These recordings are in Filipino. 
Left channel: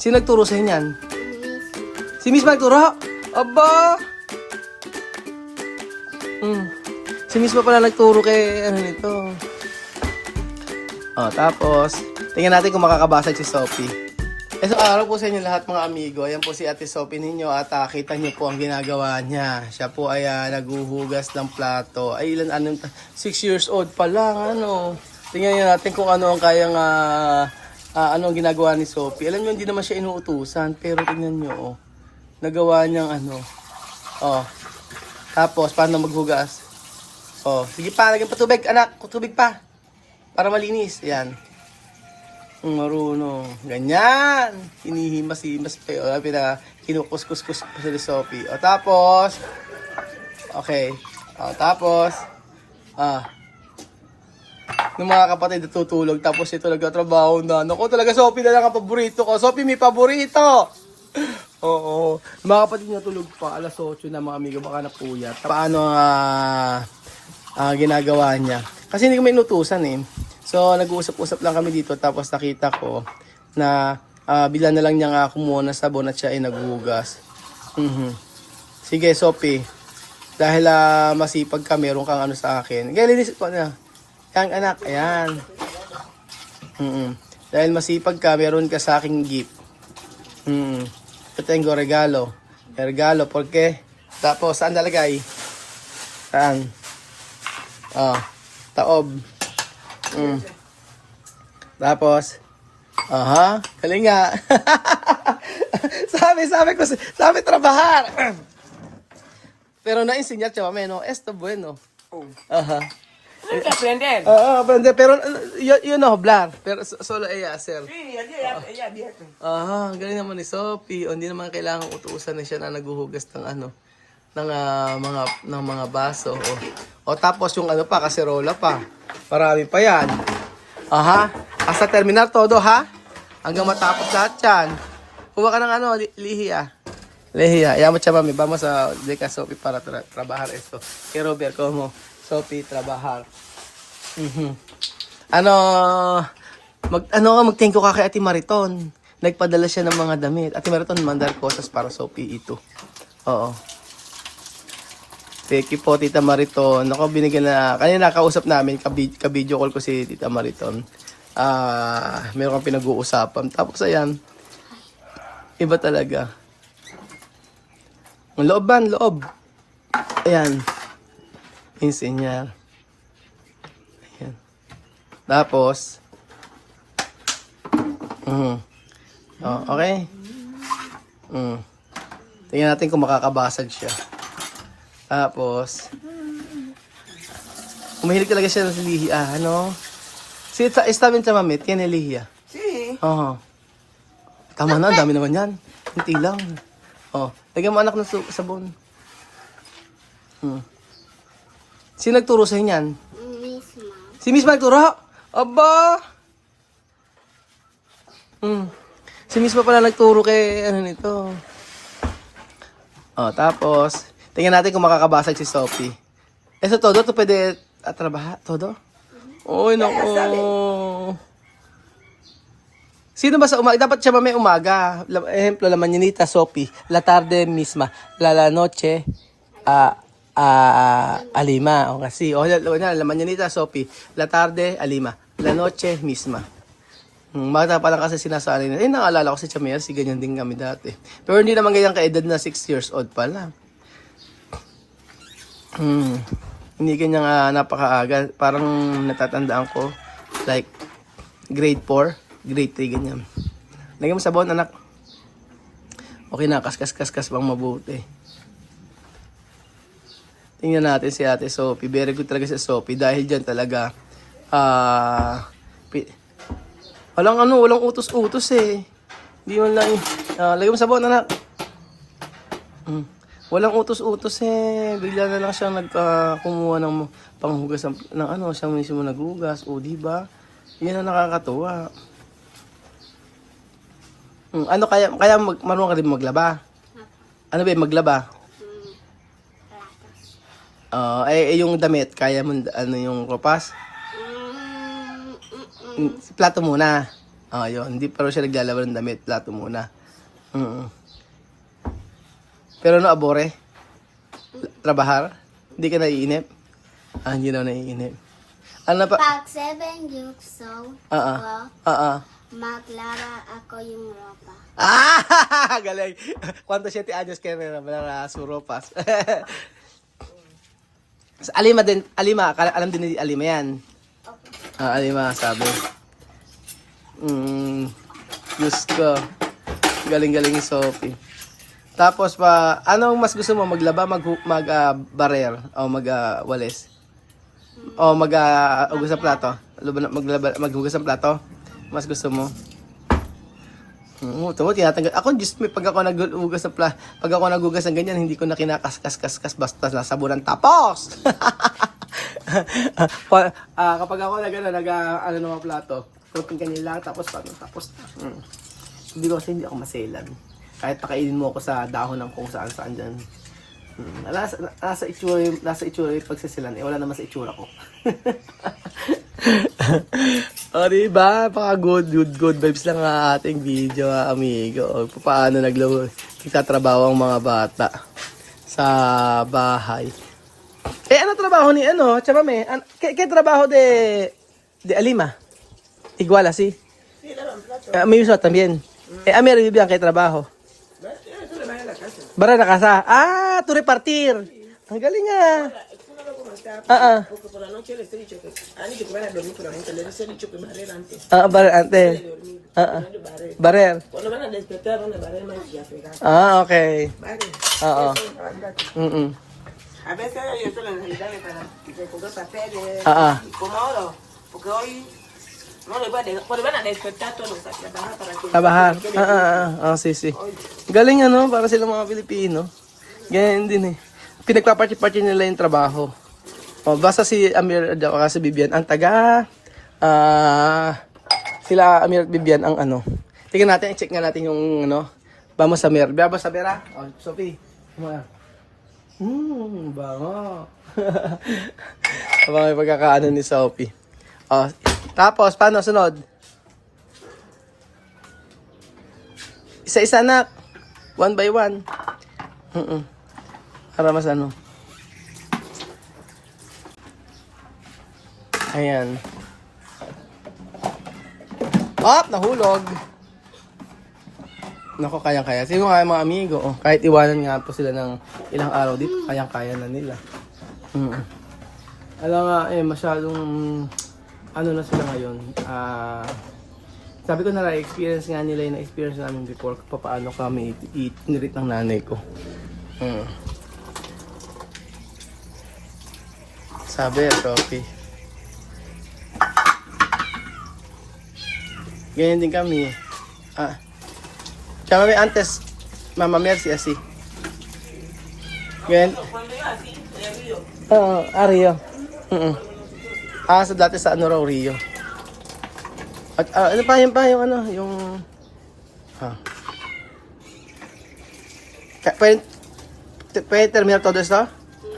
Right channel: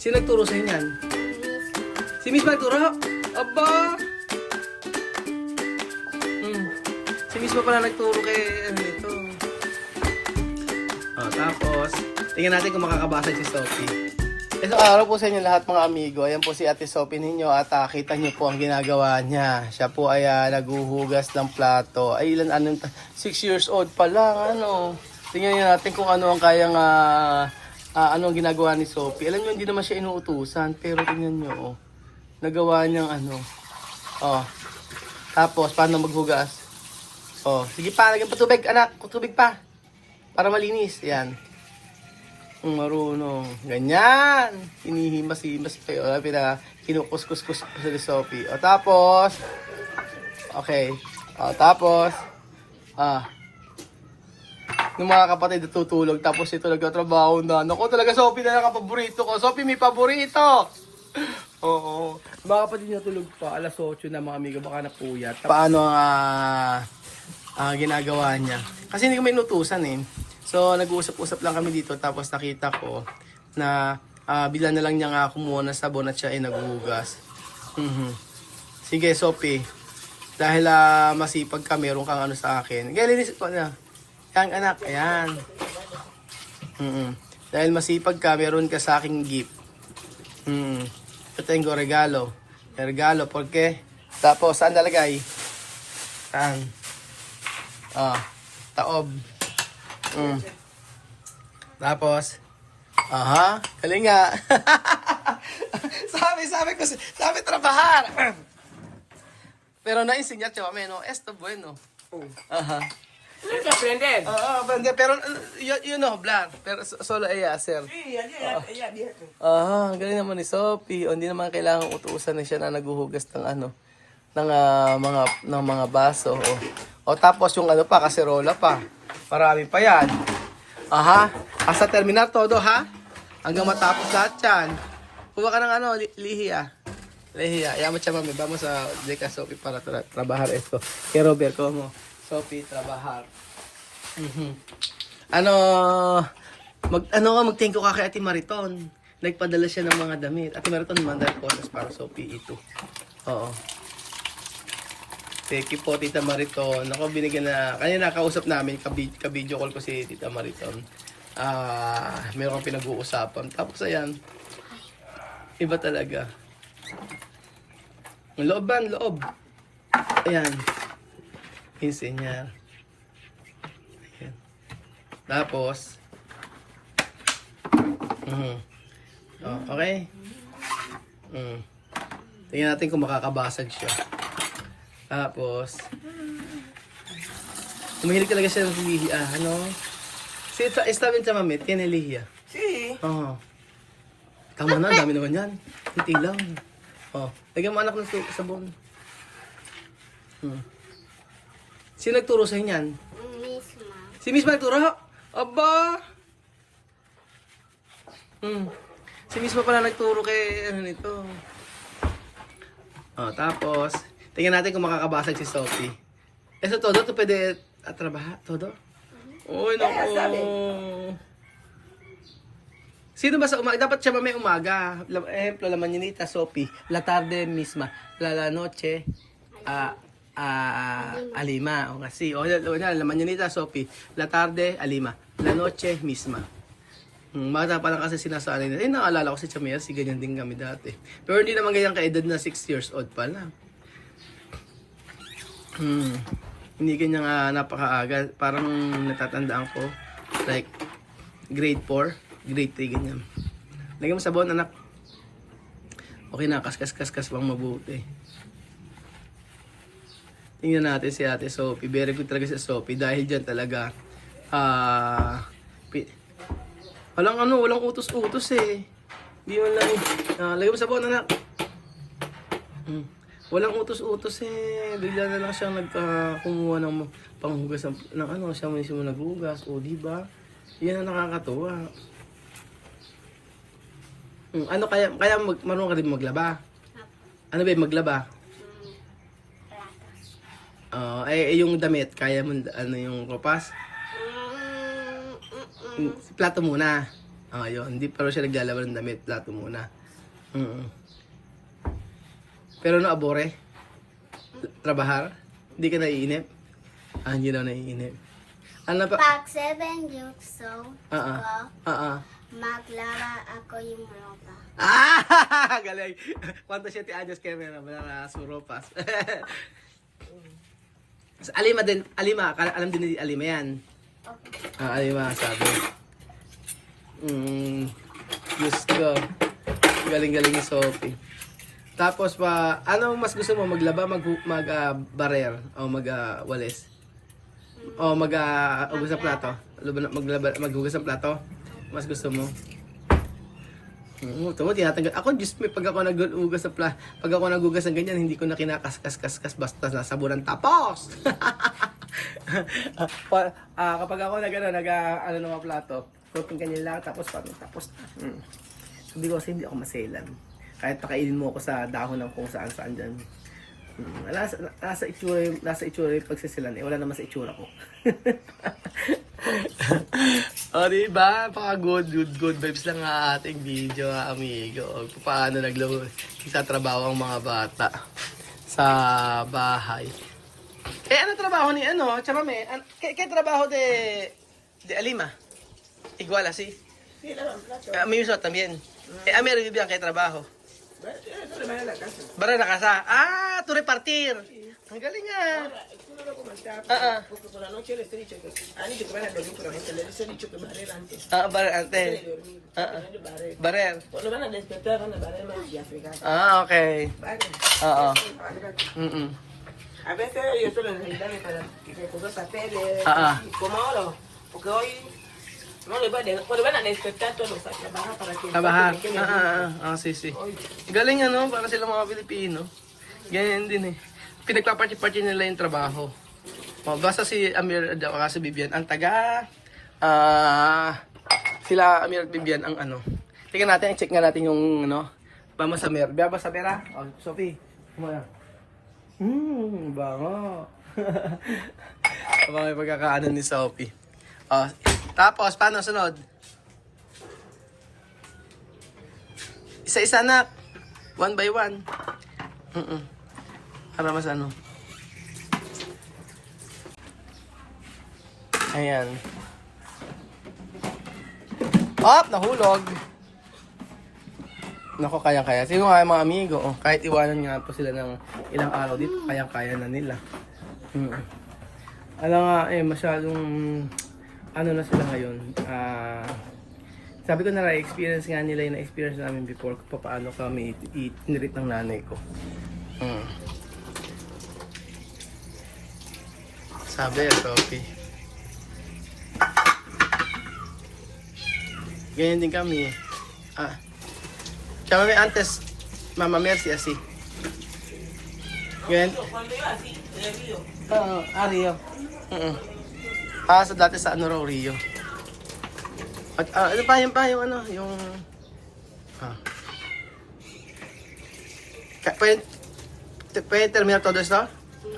Sino nagturo sa inyan? Si Miss nagturo? Aba! Si Miss pa pala nagturo kay ano nito. Tapos, tingnan natin kung makakabasag si Sophie. So, araw po sa inyo lahat mga amigo. Ayan po si Ate Sophie ninyo at kita nyo po ang ginagawa niya. Siya po ay naghuhugas ng plato. Ay, 6 years old pa lang. Tingnan natin kung ano ang kayang ano ang ginagawa ni Sophie. Alam nyo, hindi naman siya inuutusan. Pero tingnan nyo, nagawa niyang Tapos, paano maghugas? Sige pa, lagyan pa tubig, anak. Tubig pa. Para malinis. Yan. Marunong. Ganyan. Hinihimas-himas pa yun. Kinukus-kus-kus pa si Sophie. Tapos. Okay. Tapos. Yung mga kapatid natutulog. Tapos ito nagtatrabaho na. Naku, talaga Sophie na lang ang paborito ko. Sophie, may paborito! Oo. Mga kapatid natulog pa. Alas 8 na mga amigo. Baka napuyat. Paano ginagawa niya? Kasi hindi ko may inutusan eh. So, nag-uusap-usap lang kami dito. Tapos nakita ko na bila na lang niya kumuha ng sabon at siya ay naghuhugas. Sige, Sophie. Dahil masipag ka, meron kang ano sa akin. Kaya linis ko na. Yan, anak. Ayan. Dahil masipag ka, meron ka sa aking gift. Ito yung regalo. Regalo, porque? Tapos, saan nalagay? Saan? Taob. Tapos, galing nga. sabi trabajar. Pero na-enseñar siya, mami, no? Esto bueno. Aprender. Aprende. Pero, you know, Blar. Pero solo ella, sir. Sí, ella vieja. Galing naman ni Sophie. Hindi naman kailangang utusan na siya na naghuhugas ng ng mga baso. Tapos yung pa, kaserola pa. Marami pa yan. Hasta terminar todo, ha? Hanggang matapos lahat yan. Kuha ka ng lihiya. Lihiya. Yaman siya, mami. Vamos a deca Sophie para trabajar esto. Kay Robert, como Sophie, trabajar. Mag-thank you ka kay Ate Mariton. Nagpadala siya ng mga damit. Ate Mariton, mandar cosas para Sophie ito. Oo. Thank you po, Tita Mariton. Ako, binigyan na, kanina nakausap namin, ka-video call ko si Tita Mariton. Meron kang pinag-uusapan. Tapos, ayan, iba talaga. Ang loob. Ayan. Enseñar. Ayan. Tapos, okay. Tingnan natin kung makakabasag siya. Tapos, mahilig talaga siya sa lihiya, Si está bien, mami, tiene lihiya. Sí. Tama na, dami naman yan. Kunti lang. Lagyan mo anak ng sabon. Sino nagturo sa inyan? Si Miss nagturo? Aba! Si Miss pa pala nagturo kay nito. Tapos, tingnan natin kung makakabasag si Sophie. Eso todo, to pwede trabajar? Todo? Uy, naku. Sino ba sa umaga? Dapat siya may umaga. Ejemplo, la mañanita, Sophie. La tarde misma. La noche, Alima. O kasi, la mañanita, Sophie. La tarde, Alima. La noche misma. Bata pa lang kasi sinasabi na, naalala ko si Chamer, si ganyan din kami dati. Pero hindi naman ganyan ka-edad na 6 years old pa lang. Hindi ganyan napakaaga. Parang natatandaan ko, like, grade 4, grade 3, ganyan. Lagyan mo sabon, anak. Okay na, kaskas bang mabuti. Tingnan natin si Ate Sophie. Very good talaga si Sophie. Dahil dyan talaga, walang utos-utos eh. Hindi mo lang, lagyan mo sabon, anak. Walang utos-utos eh. Bigla na lang siya kumuha ng panghugas ng siya mismo naghugas. Diba? Yan ang nakakatuwa. Kaya marunong ka rin maglaba? Ano ba maglaba? Yung damit, kaya mo, yung kapas? Plato muna. Yun. Hindi pa rin siya naglalaban ng damit. Plato muna. Pero abore? Trabahar? Hindi ka naiinip? Hindi na naiinip. Ano pa? Pag 7 years old ako, maglaba ako yung ropa. Galing. ¿Cuántos 7 años que me su ropas? Alima din, Alima, alam din ni Alima yan. Alima, sabi. Diyos ko. Galing-galing ni Sophie. Tapos pa, anong mas gusto mo? Maglaba, barer, o magwalis? O maghugas ng plato? Maghugas ng plato? Mas gusto mo? Tamo, tinatanggal. Ako, just pag ako naghugas ng pag ako naghugas ng ganyan, hindi ko na kinakaskas basta nasabunan tapos. Kapag ako ng mga plato, cooking kanyan lang, tapos tapos na. Sabi ko kasi hindi ako maselan. Kahit pakainin mo ako sa dahon ng kung saan dyan. Nasa itsura yung pagsisilan. Wala naman sa itsura ko. Diba? Paka good vibes lang ang ating video, amigo. Paano nagtatrabaho ang mga bata sa bahay. Ano trabaho ni Chamame? ¿Qué trabajo de Alima? Igual así. Mi uso también. A mí Vivian, ¿qué trabajo? Bara na casa. Tu repartir. Ang galing Porque por la noche les he dicho que han dicho que van a dormir por la noche, les he dicho que barrer antes. Barrer antes. Barrer. Cuando van a despertar van a barrer más y a fregar. Okay. Barrer. A veces yo solo necesitaba para que se ponga papeles. Y como ahora, porque hoy no les voy a dejar, cuando van a despertar todos a trabajar para que trabajar. Sí. Galing para sila mga Pilipino. Ganyan din pinagpaparty-party nila yung trabaho. Basta si Amir at si Vivian ang sila Amir at Vivian ang tingnan natin, check nga natin yung vamos Amir. Vamos Amir Sophie. Kumaya. Bango. Habang may pagkakaano ni Sophie. Tapos, paano sunod? Isa-isa na. One by one. Para mas Ayan. Nahulog. Nako, kayang-kaya. Sino nga mga amigo? Kahit iwanan nga po sila ng ilang araw dito, kayang-kaya na nila. Alam nga, masyadong na sila ngayon. Sabi ko na experience nga nila yung na-experience namin before kung paano kami inirit ng nanay ko. Sabi, Sophie. Ganyan din kami. Chamame antes, Mama Mercy así. Ganyan. Rio. Dati sa raw, Rio. At ano pa yung Pwede terminar todo esto?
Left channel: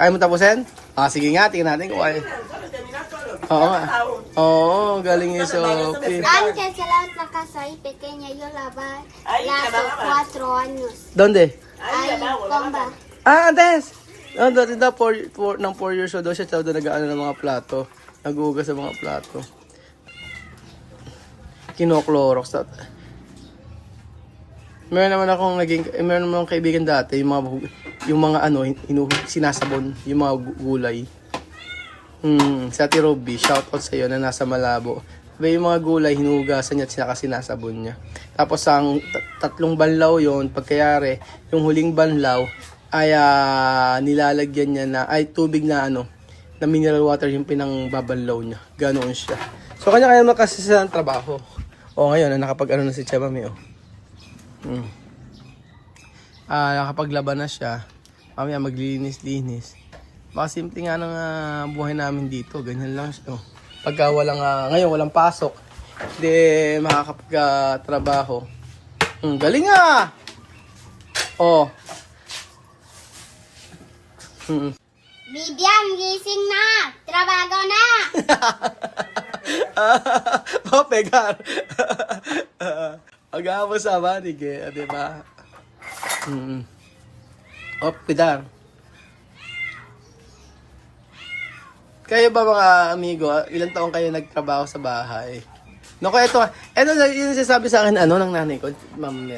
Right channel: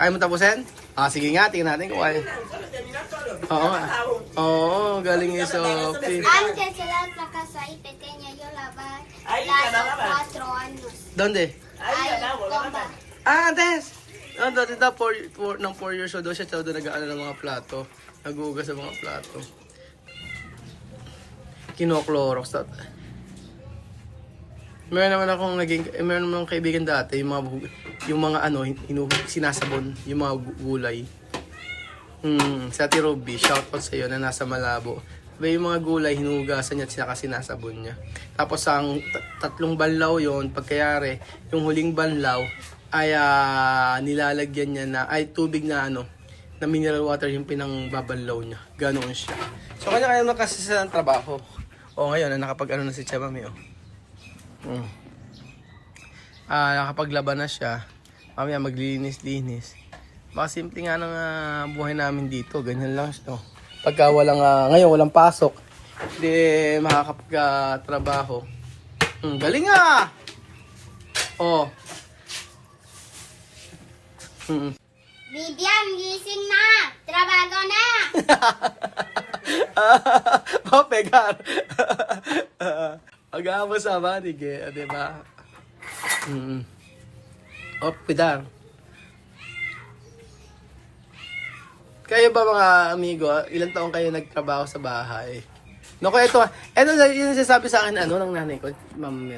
Ayaw mo tapusin? Sige nga, tingnan natin kung kaya. Oo nga. Galing yung Sophie. Antes que la otra casa ahí pequeña yo lavaba las 4 años. ¿Dónde? Ahí, comba. Antes! Dati daw, 4 years old daw siya, daw nag-aano ng mga plato. Nag-uugas sa mga plato. Kino-Clorox. Meron naman akong kaibigan dati, yung mga sinasabon, yung mga gulay. Sa Ate Robby, shoutout sa iyo na nasa Malabo. Yung mga gulay, hinugasan niya at sinasabon niya. Tapos ang 3 banlaw yon, pagkayari, yung huling banlaw ay nilalagyan niya tubig na na mineral water yung pinangbabanlaw niya. Ganoon siya. So kanya makasi sa trabaho. Ngayon nakapag na si Chamame nakapaglaban na siya. Mamaya maglinis-linis. Baka simple nga ng buhay namin dito. Ganyan lang. Pagka ngayon walang pasok, hindi makakapag-trabaho. Galing nga! Vivian, gising na! Trabaho na! Oh, pegar. Mag-aamo sa manig eh, di ba? Oh, pedar. Kayo ba mga amigo, ilang taong kayo nagtrabaho sa bahay? Naku, ito yung sinasabi sa akin, ng nanay ko, ma'am,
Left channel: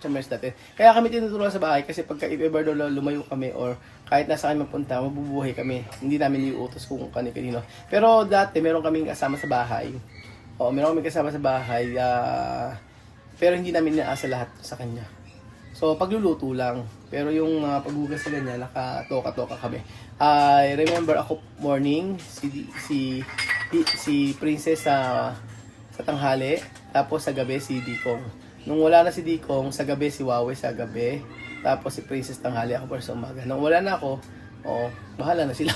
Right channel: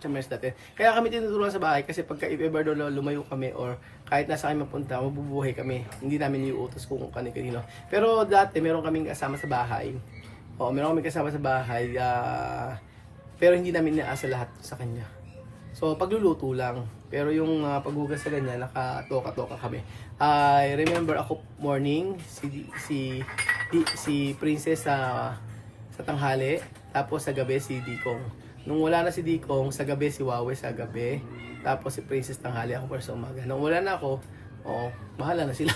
Chamers dati. Kaya kami tinuturuan sa bahay kasi pagka if-ever daw lumayo kami or kahit nasa kami mapunta, mabubuhay kami. Hindi namin iuutos kung kanino. Pero dati, meron kaming kasama sa bahay. Oo, meron kaming kasama sa bahay, pero hindi namin inaasa lahat sa kanya. So, pagluluto lang. Pero yung paghugas sa ganyan, nakatoka-toka kami. I remember ako morning, si Princess sa tanghali, tapos sa gabi si Dikong. Nung wala na si Dikong, sa gabi si Wawe sa gabi, tapos si Princess tanghali, ako para sa umaga. Nung wala na ako, bahala na sila.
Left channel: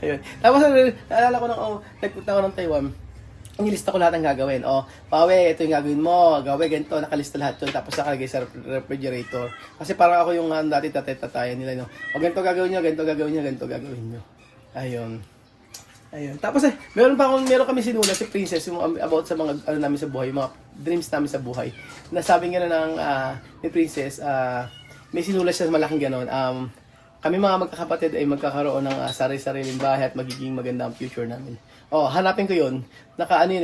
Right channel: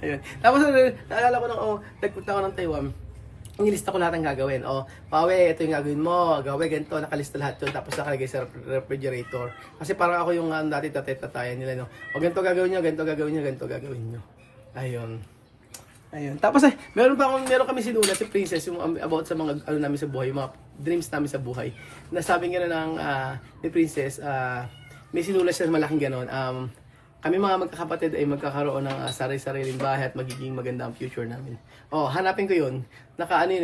Ayun. Tapos naalala ko nagpunta ako ng Taiwan, nilista ko lahat ng gagawin. Wawe, ito yung gagawin mo. Gawin, ganito, nakalista lahat yun. Tapos nakalagay sa refrigerator. Kasi parang ako yung dati tatay-tatayan nila. Ganito gagawin nyo, ganito gagawin nyo, ganito gagawin nyo. Ayun. Tapos meron kami sinulat si Princess yung about sa mga namin sa buhay, mga dreams namin sa buhay. Nasabi nga na ni Princess, may sinulat siya malaking ganon. Kami mga magkakapatid ay magkakaroon ng sarili-sariling bahay at magiging maganda ang future namin. Hanapin ko yun.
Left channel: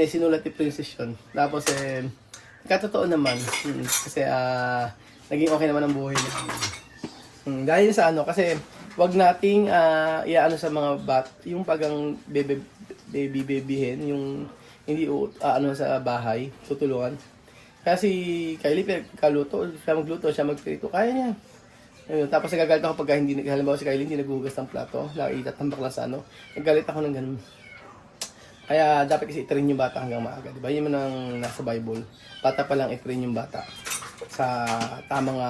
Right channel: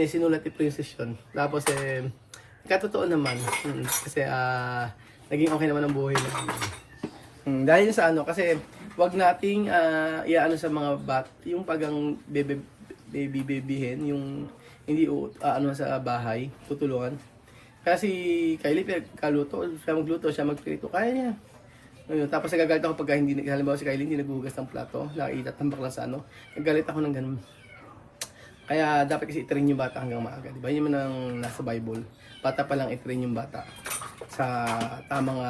Sinulat ni Princess yun. Tapos katotoo naman. Kasi naging okay naman ang buhay namin. Dahil sa kasi wag nating sa mga yung pagang babyhin, yung hindi sa bahay, tutulungan. Kasi Kylie, kaluto, siya magluto, siya magprito, kaya niya. Ayun, tapos nagagalit ako pagka halimbawa si Kylie hindi naghuhugas ng plato, nakailat ng bakla sa nagagalit ako ng ganun. Kaya dapat kasi i-train yung bata hanggang maaga, di ba? Yun man ang nasa Bible. Bata pa lang i-train yung bata sa tamang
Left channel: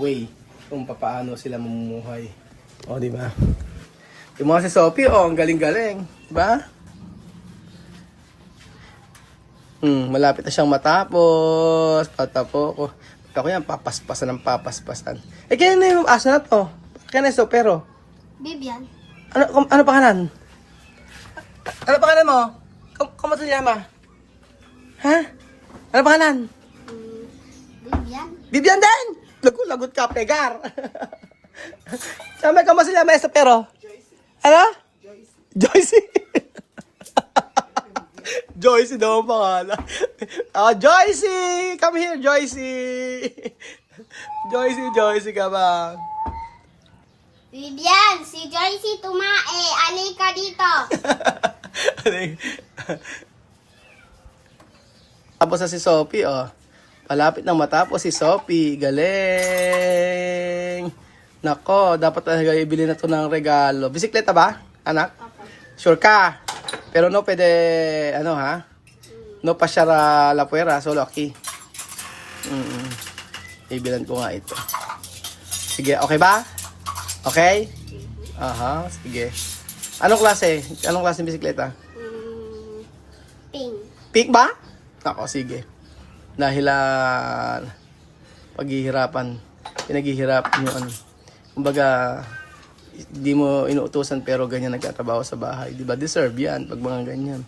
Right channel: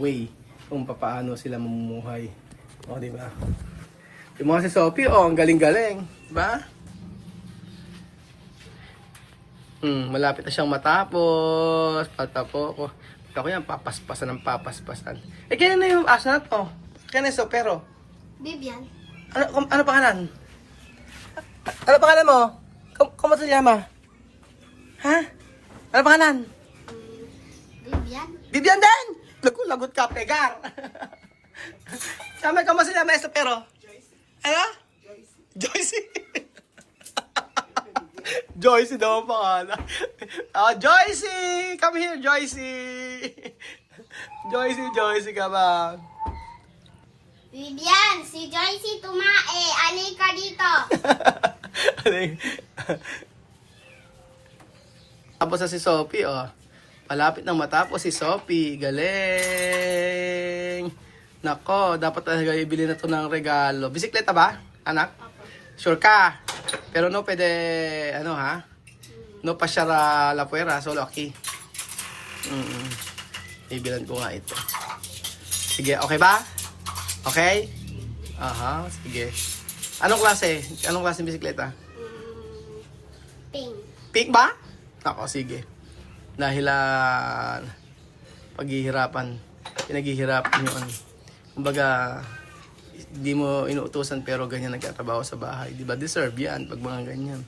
way kung paano sila mamumuhay. Di ba? Yung mga si Sophie, ang galing-galing. Diba? Malapit na siyang matapos. Patapos ko yan, papaspasan. Kaya na yung asa na to? Kaya na yung Sopero? Bibian. Ano pangalan? Ano pangalan mo? Kamu sa llama? Ha? Ano pangalan? Bibian. Bibian din! Lagot ka, pegar! Kamu sa llama esta pero? Ano? Joycey. Joycey daw ang pangalan. Joycey! Come here, Joycey! Joycey, come on. Bibian, si Joycey tumae. Alika dito. Tapos na si Sophie, Palapit nang matapos si Sophie. Galing! Nako, dapat talaga ibili na to ng regalo. Bisikleta ba, anak? Sure ka? Pero no pwede, no pasyara la puera, solo aquí. Ibilan ko nga ito. Sige, okay ba? Okay? Sige. Anong klase bisikleta? Pink. Pink ba? Ako, sige. Dahil pinaghihirapan yun. Kumbaga, di mo inuutusan pero ganyan nagtatrabaho sa bahay. Di ba? Deserve yan pag mga ganyan.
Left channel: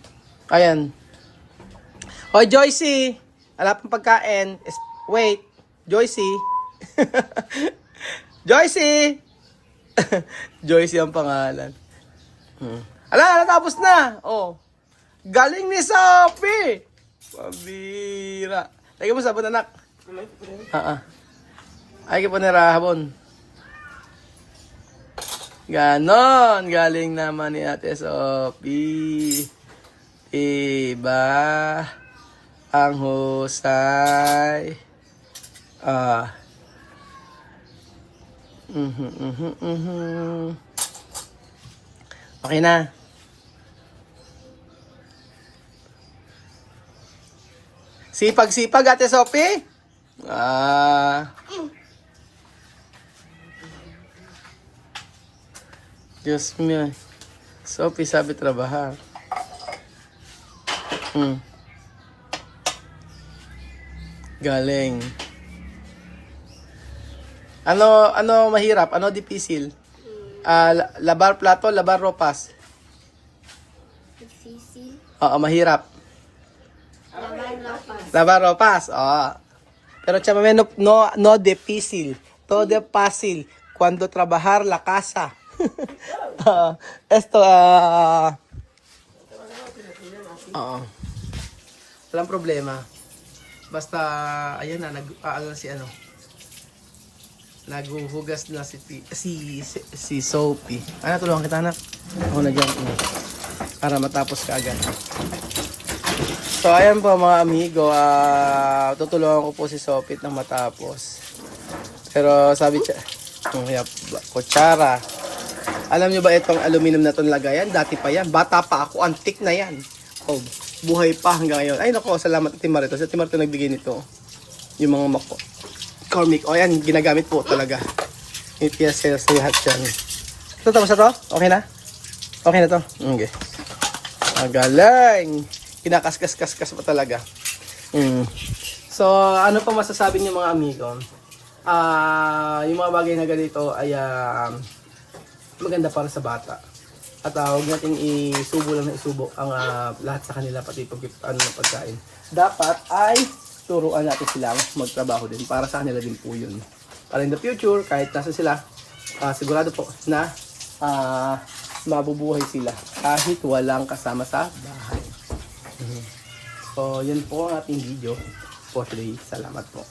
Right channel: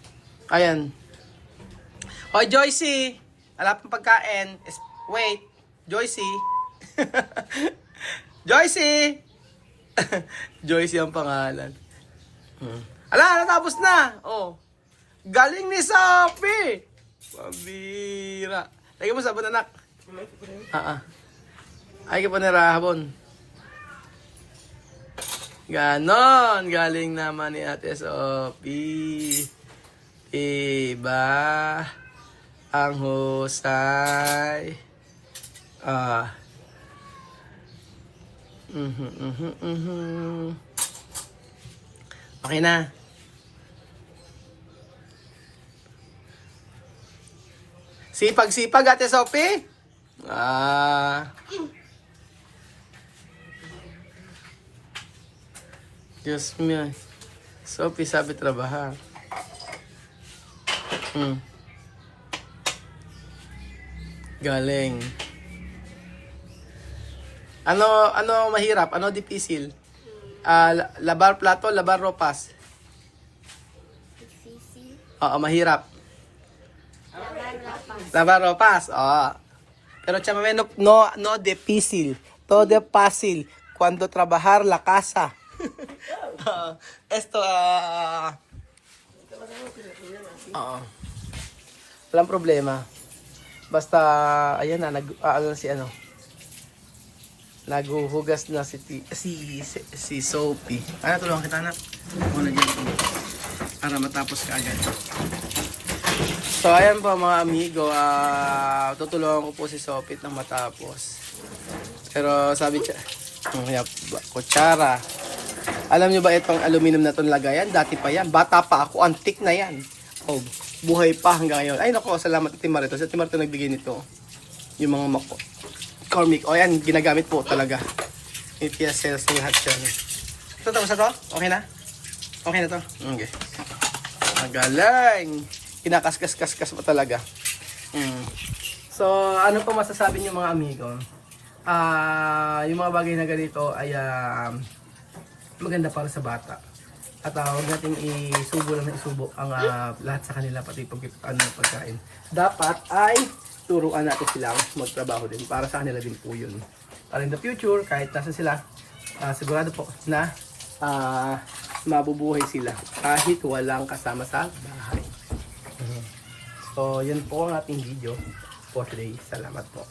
Ayan. Hoy, Joycey! Wala pang pagkain. Wait. Joycey! Joycey! Joycey ang pangalan. Natapos na! Galing ni Sophie! Pambira. Lagi mo sabon, anak. Ay ka pa narahabon. Ganon. Galing naman ni Ate Sophie. Iba ang husay. Okay na. Sipag-sipag, Ate Sophie. Diyos mo. Sophie, sabi trabaha. Galing. Ano mahirap? Ano difícil? Labar plato, labar ropas. Difícil. Oo, mahirap. Laban ropas. Laban ropas. Oo. Pero chamame no difícil. Todo fácil. Cuando trabajar la casa. Esto, oo. Walang problema. Basta, ayan na, naghuhugas na si Sophie. Ano, tulungan kita, anak. Ako na dyan. Para matapos ka agad. So, ayan po mga amigo. Tutulungan ko po si Sophie nang matapos. Pero sabi siya, kutsara. Alam nyo ba itong aluminum na itong lagayan? Dati pa yan. Bata pa ako. Antik na yan. Oh, buhay pa hanggang ngayon. Ay nako, salamat Ate Marito. Si Ate Marito nagbigay nito. Yung mga Cormic. O yan, ginagamit po talaga. APS sales lahat yan. Ito, tapos na to? Okay na? Okay na to? Okay. Magaling. Kinakaskas-kaskas pa talaga. So, ano pa masasabi niyo mga amigo? Yung mga bagay na ganito ay maganda para sa bata. At huwag natin isubo lang na isubo ang lahat sa kanila, pati pagkain. Dapat ay turuan natin silang magtrabaho din. Para sa kanila din po yun. Para in the future, kahit nasa sila, sigurado po na mabubuhay sila kahit walang kasama sa bahay. So, yun po ang ating video for today. Salamat po.